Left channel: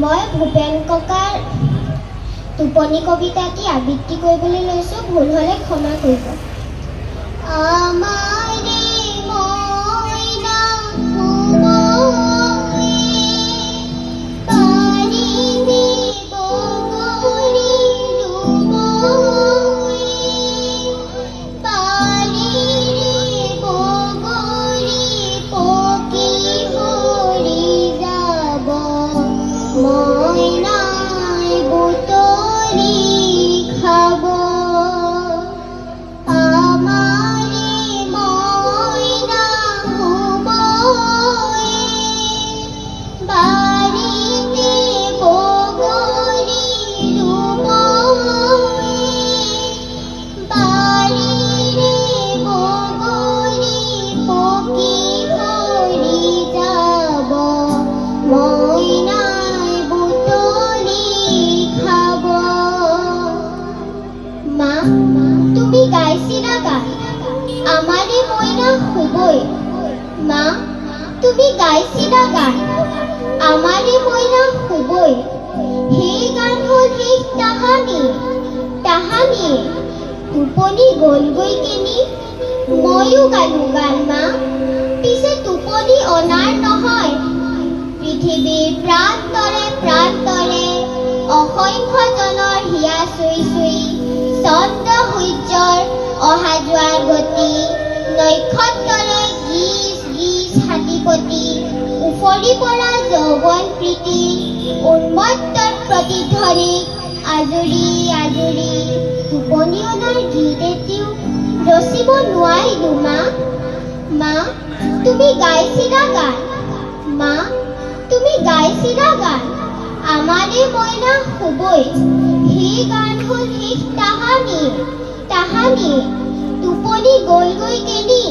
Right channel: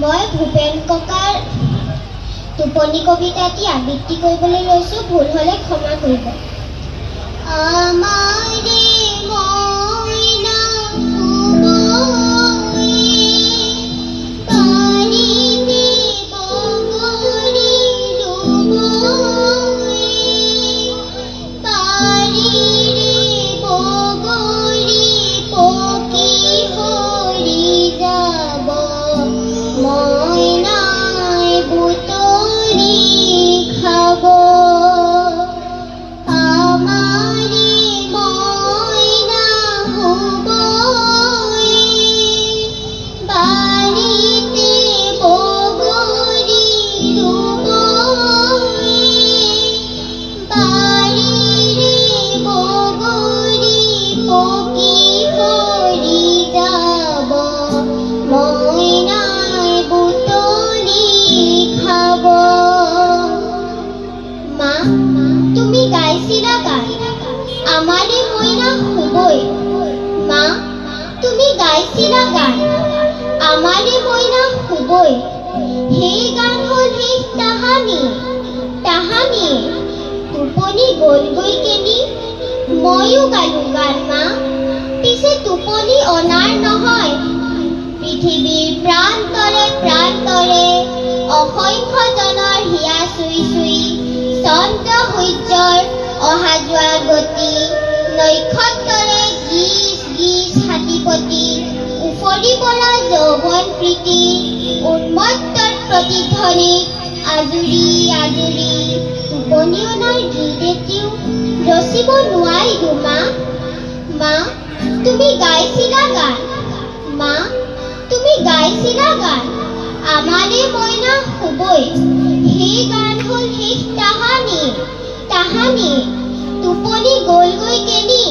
মই ভূপেন ককাৰ টোপনি কবিতাটি আবৃত্তি কৰিবলৈ লৈছোঁ। ভুল হ'লে ক্ষমা কৰিব। আমাৰে মইনা শুবয়ে, পানীতে বগৰী ৰুবয়ে, পানীৰে বগৰী পকি সৰি যাব, মইনাই বুটলি খাব। আমাৰে মইনা শুবয়ে, বাৰীতে বগৰী ৰুবয়ে, বাৰীৰে বগৰী পকি সৰি যাব, মইনাই বুটলি খাব। মা, তুমি গাইছিলা গান, আমাৰে মইনা শুবয়ে। মা, তুমি গাইছিলা গান, আমাৰে মইনা শুবয়ে। সেই গান হ'ল শেষ তাহানি, তাহানি টোপনি গ'লগৈ কেনি। ময়ো গালো গান মা, পিছে টোপনি অনাৰ নহয়। পৃথিৱীৰ প্ৰান্তৰে প্ৰান্তৰে অসংখ্য জনৰ হিয়া চুই চুই, চন্দ্ৰ সূৰ্যৰ অহা যোৱা গতি, নক্ষত্ৰৰে গীচ গীচ হাতীপতি, উফৰি পৰা যৌৱন প্ৰীতি, উন্মত্তৰ প্ৰতিধ্বনিত আজৰি আজৰি টোপনি অনাৰ গীত এটিও ৰচিব নোৱাৰিলো মা। মা, তুমি গাইছিলা গান, মা, তুমি গাইছিলা গান, আমাৰে মইনা শুবয়ে। সেই গান হ'ল শেষ তাহানি, তাহানি টোপনি গ'লগৈ কেনি,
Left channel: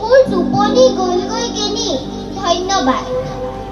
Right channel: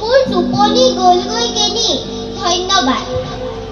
মোৰ টোপনি গ'লগৈ কেনি। ধন্যবাদ।